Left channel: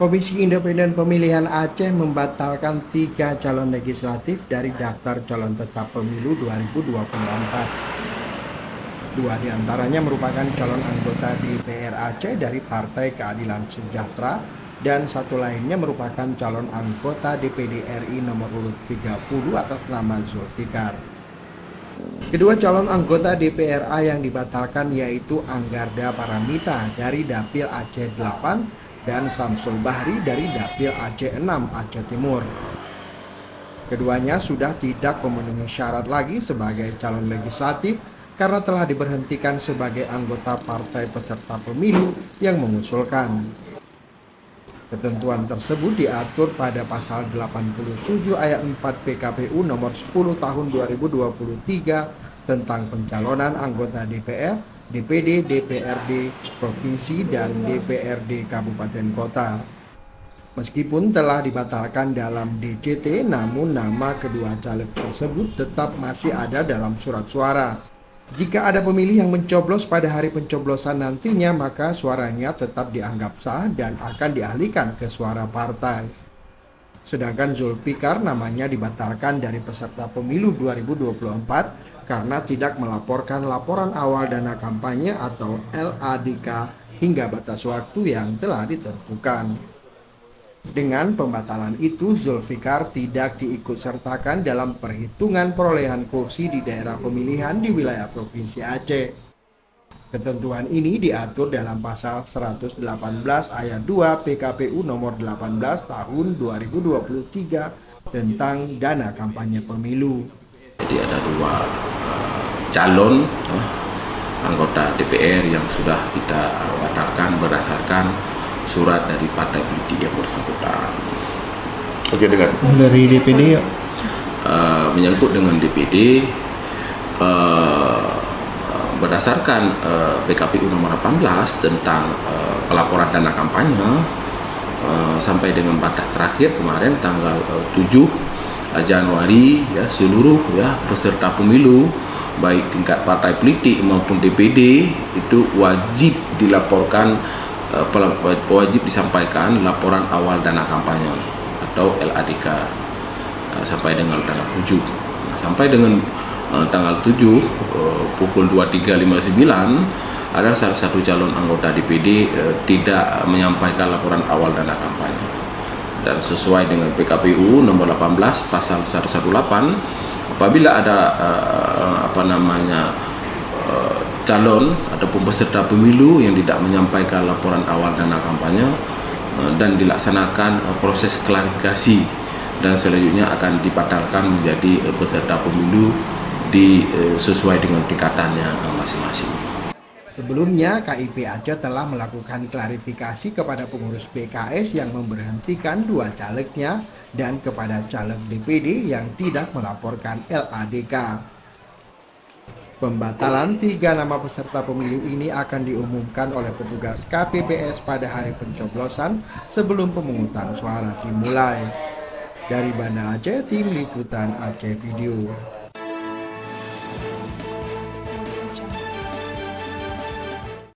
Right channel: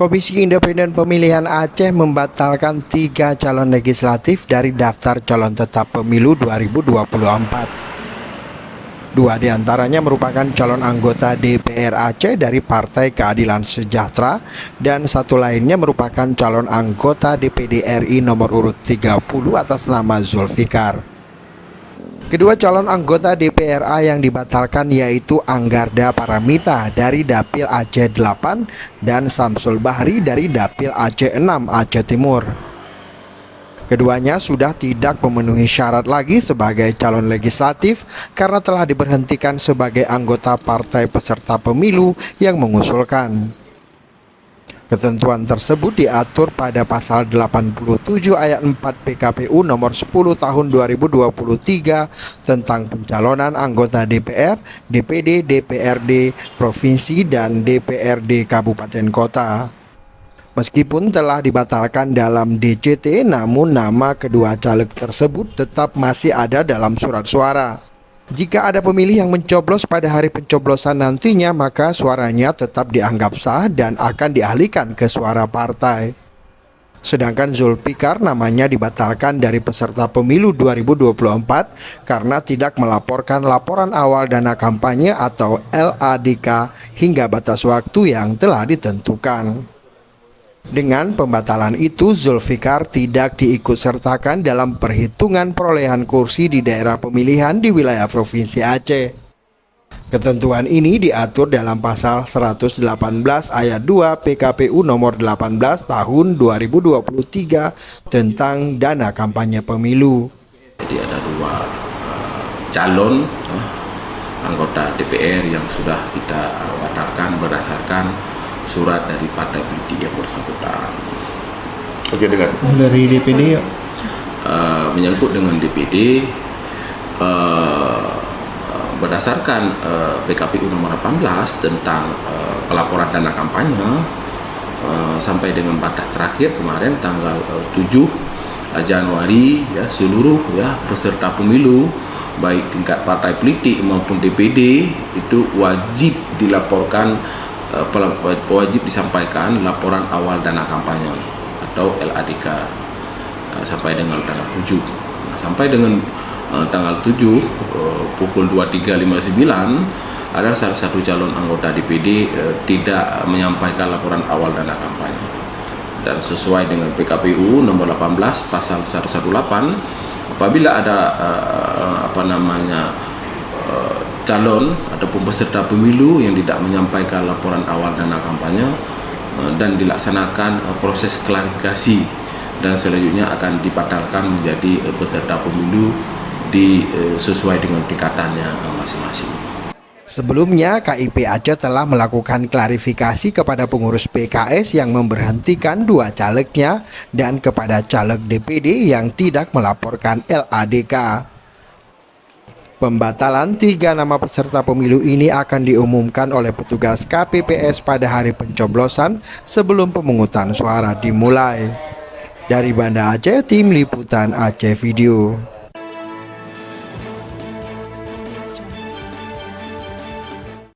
Komisi Independen Pemilihan Aceh membatalkan 3 calon legislatif dari daftar calon tetap pemilu 2024. Dua diantaranya merupakan calon anggota DPR Aceh dari Partai Keadilan Sejahtera dan satu lainnya merupakan calon anggota DPD RI nomor urut 30 atas nama Zulfikar. Kedua calon anggota DPRA yang dibatalkan yaitu Anggarda Paramita dari Dapil Aceh 8 dan Samsul Bahri dari Dapil Aceh 6 Aceh Timur. Keduanya sudah tidak memenuhi syarat lagi sebagai calon legislatif karena telah diberhentikan sebagai anggota partai peserta pemilu yang mengusulkan. Ketentuan tersebut diatur pada pasal 87 ayat 4 PKPU nomor 10 tahun 2023 tentang pencalonan anggota DPR, DPD, DPRD, Provinsi, dan DPRD Kabupaten Kota. Meskipun telah dibatalkan dalam DCT, namun nama kedua caleg tersebut tetap masih ada dalam surat suara. Jika ada pemilih yang mencoblos pada hari pencoblosan nantinya, maka suaranya tetap dianggap sah dan akan dialihkan ke suara partai. Sedangkan Zulfikar namanya dibatalkan dari peserta pemilu 2024 karena tidak melaporkan laporan awal dana kampanye atau LADK hingga batas waktu yang telah ditentukan. Dengan pembatalan itu, Zulfikar tidak diikutsertakan dalam perhitungan perolehan kursi di daerah pemilihan di wilayah Provinsi Aceh. Ketentuan ini diatur dalam pasal 118 ayat 2 PKPU nomor 18 tahun 2023 tentang dana kampanye pemilu. Jadi ada dua calon anggota DPR yang sudah kita batalkan berdasarkan surat dari partai politik yang bersangkutan. Oke, dengan dari DPD ya? Menyangkut dengan DPD, berdasarkan PKPU nomor 18 tentang pelaporan dana kampanye, sampai dengan batas terakhir kemarin tanggal 7 Januari ya, seluruh ya peserta pemilu baik tingkat partai politik maupun DPD itu wajib dilaporkan, wajib disampaikan laporan awal dana kampanye atau LADK sampai dengan tanggal 7. Sampai dengan tanggal 7 pukul 23.59 ada salah satu calon anggota DPD tidak menyampaikan laporan awal dana kampanye. Dan sesuai dengan PKPU nomor 18 pasal 118, apabila ada calon ataupun peserta pemilu yang tidak menyampaikan laporan awal dana kampanye dan dilaksanakan proses klarifikasi dan selanjutnya akan dibatalkan menjadi peserta pemilu sesuai dengan tingkatannya masing-masing. Sebelumnya, KIP Aceh telah melakukan klarifikasi kepada pengurus PKS yang memberhentikan dua calegnya dan kepada caleg DPD yang tidak melaporkan LADK. Pembatalan 3 nama peserta pemilu ini akan diumumkan oleh petugas KPPS pada hari pencoblosan sebelum pemungutan suara dimulai. Dari Banda Aceh, Tim Liputan Aceh Video.